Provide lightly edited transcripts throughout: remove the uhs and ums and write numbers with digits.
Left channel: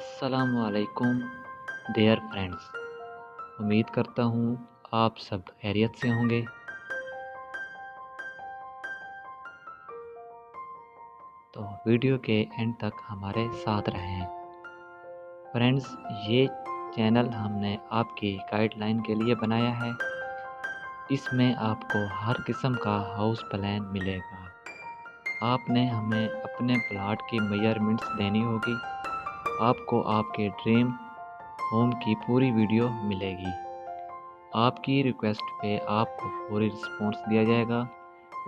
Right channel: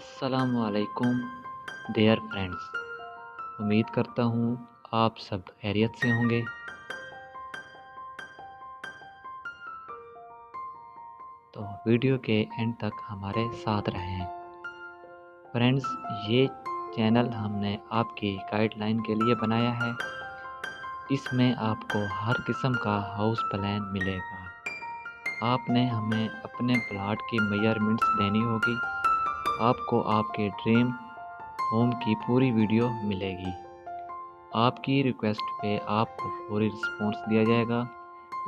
अस्सलामुअलैकुम dear friends. उम्मीद करता हूँ आप सब खैरियत से होंगे। तो वीडियो के एंड तक हमारे साथ रहें। फ्रेंड्स, ये चैनल हमने आपकी गाइडलाइन के लिए बनाया है। इसमें आपको हर किस्म का हाउस प्लान मिलेगा। आपने हमें अपने प्लाट की मेजरमेंट्स देनी होगी। आपको आपके ड्रीम होम की पूरी वीडियो मिलेगी। आपकी रिक्वेस्ट पे आपको फौरी रिस्पॉन्स दिया जाएगा।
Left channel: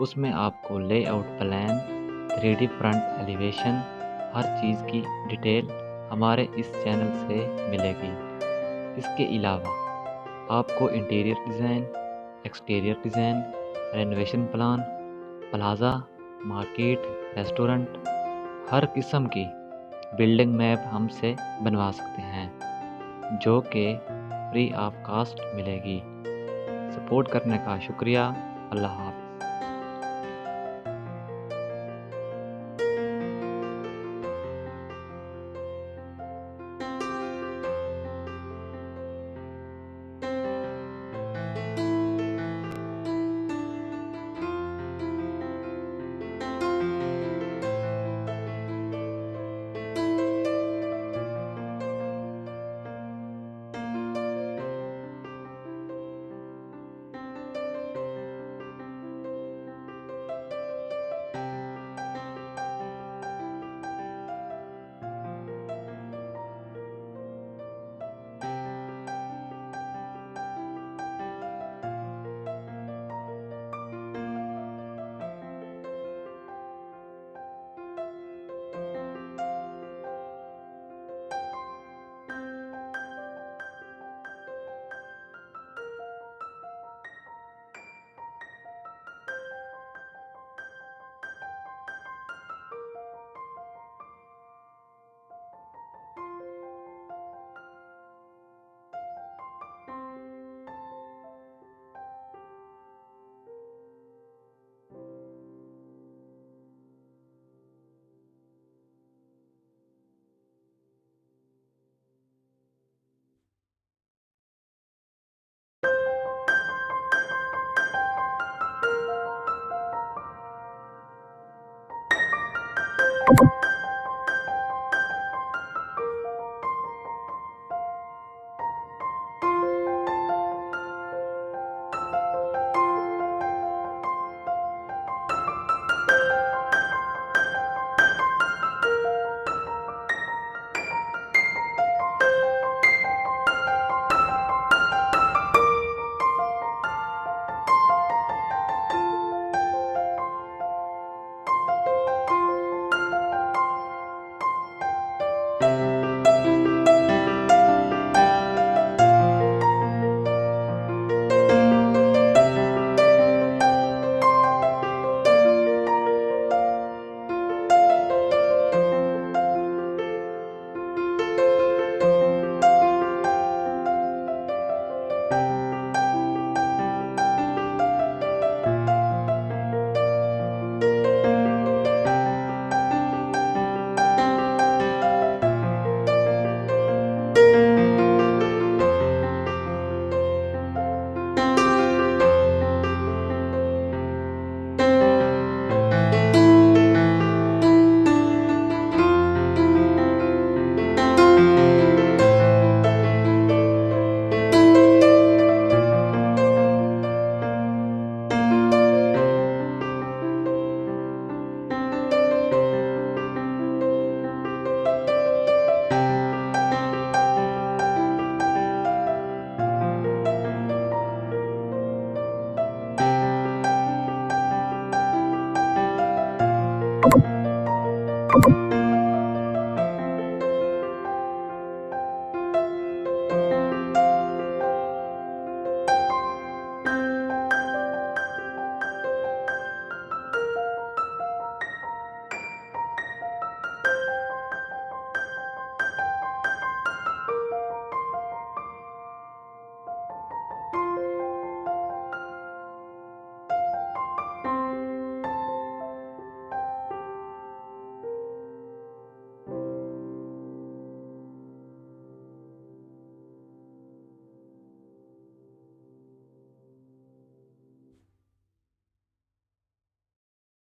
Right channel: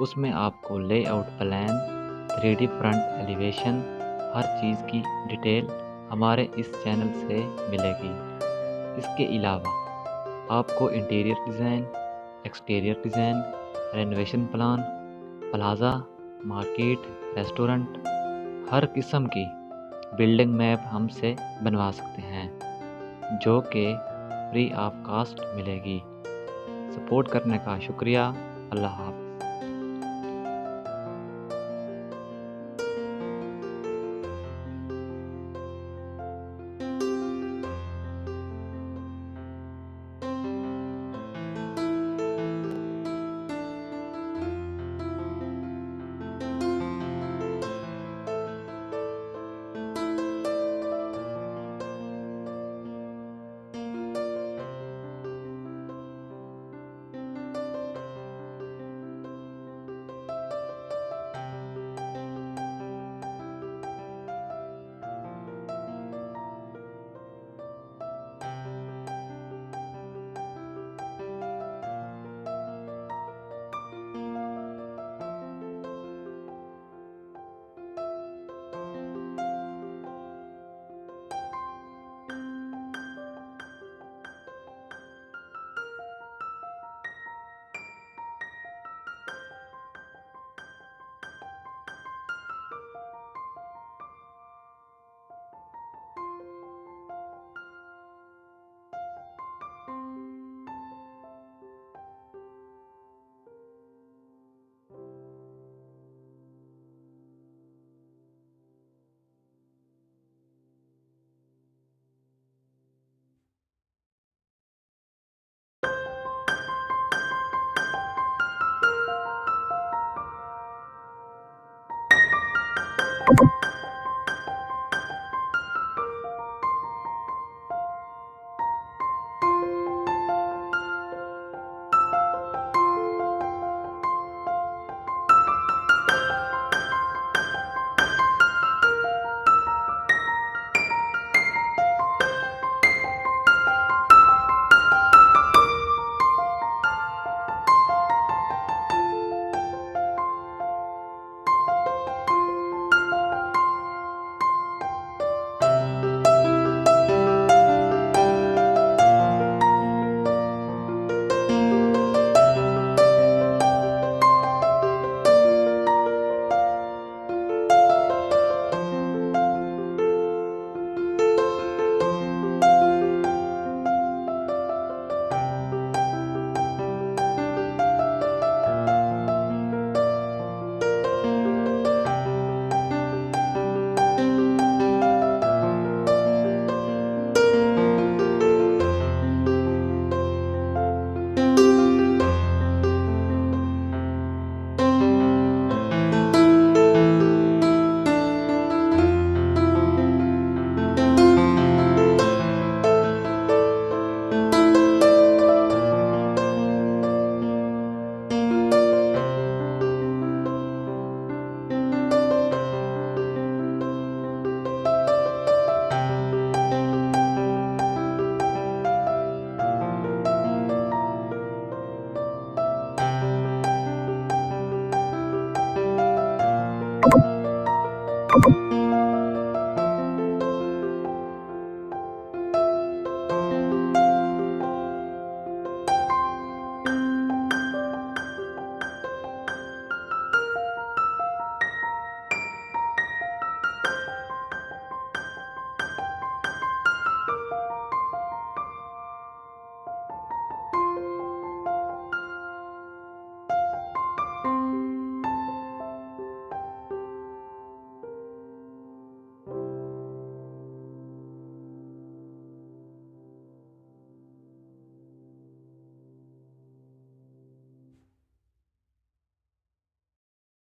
उसमें आपको layout plan, 3D front elevation, हर चीज़ की डिटेल हमारे इस चैनल से मिलेगी। इसके अलावा आपको interior design, exterior design, renovation plan, plaza, market, restaurant, हर किस्म की बिल्डिंग मैप हमसे बनवा सकते हैं, जो कि फ्री ऑफ कास्ट मिलेगी। सपोर्ट करने का शुक्रिया। अल्लाह हाफ़िज़।